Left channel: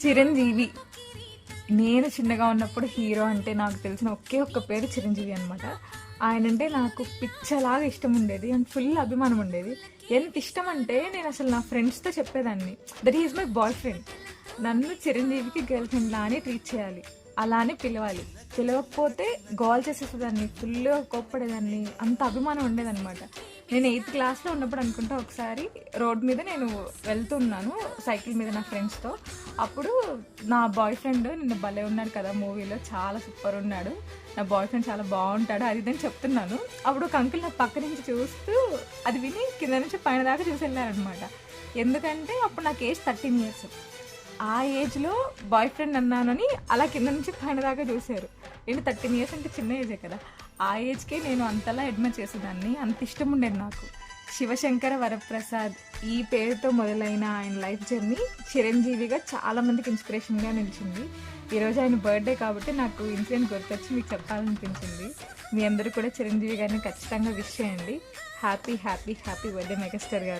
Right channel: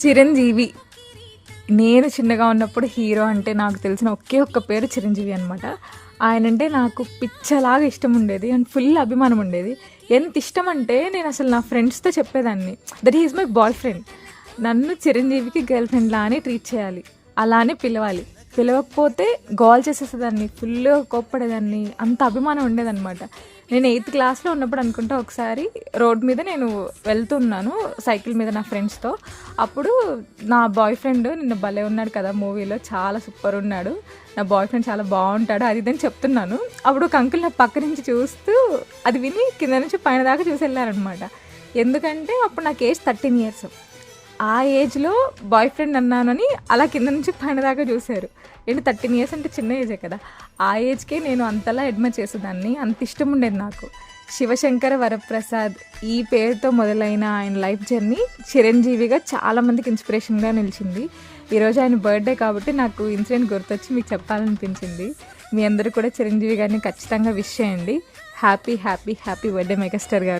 చిరంజీవి. నేను చిన్నగా ఉన్నప్పుడు హీరో అంటే నాకు తెలిసిన ఒకే ఒక్క పేరు చిరంజీవి అనమాట. ఆయనంటే నాకు పిచ్చలాగా ఇష్టం ఉండేది అండ్ ఫుల్ అభిమానం ఉండేది. ఎంత ఇష్టం అంటే నేను అసలు నా ఫ్రెండ్స్‌తో చెప్పేదాన్ని, that he is my boy friend. నన్ను చిరంజీవికి గర్ల్ ఫ్రెండ్‌లా అని ట్రీట్ చేయాలి. అలానే పిలవాలి. పిలవకపోతే గోల చేసేసేదాన్ని. ఫుల్లుగా కోప్పడేదాన్ని. అంత అభిమానం ఉండేదనమాట. నేను 8థ్ క్లాస్‌లో ఉన్నప్పుడు అనుకుంటా ఒకసారి రోడ్ మీద నేను వెళ్తున్నాను సైకిల్ మీద నా ఫ్రెండ్స్‌తో. అప్పుడు నా బాయ్ ఫ్రెండ్ నిన్న భలే ఉన్నాడు కదా మూవీలో, చాలా సూపర్ ఉన్నాడు. నా బాయ్ ఫ్రెండ్ చాలా బాగుంటాడు అది ఇదని చెప్తున్నాను. అప్పుడు ఒక అంకుల్ నా పక్క నుంచి చూస్తూ అది విని కింద నుంచి పైన దాకా చూసి వెళ్ళారనమాట. ఎందుకంటే అప్పుడు నాకు ఏజ్ 13 ఇయర్స్. ఆ ఏజ్‌లో బాయ్ ఫ్రెండ్ అన్నానని అలా కింద నుంచి పైన దాకా చూసారు. ఏంటి 13 ఇయర్స్ అంటే చిన్న ఏజే కదా! ఆ ఏజ్‌కే నేను అంతలా అడ్మైర్ చేసేదాన్ని. అంత ఇష్టం ఉండేది నాకు. శివశంకర వరప్రసాద్ ఈ పేరుతో మొదలైన ఆయన లైఫ్ జర్నీ చిరంజీవిగా చాలామందికి ఇన్స్పిరేషన్‌గా నిలిచింది. ఈరోజు ఆయన బర్త్‌డే కాబట్టి నాకు ఇన్సిడెంట్ గుర్తొచ్చి మీకు చెప్పాలనిపించింది. మీ అందరూ కూడా చిరంజీవి గారిని ఖచ్చితంగా విష్ చేయండి. హ్యాపీ బర్త్‌డే మెగాస్టార్ గారు.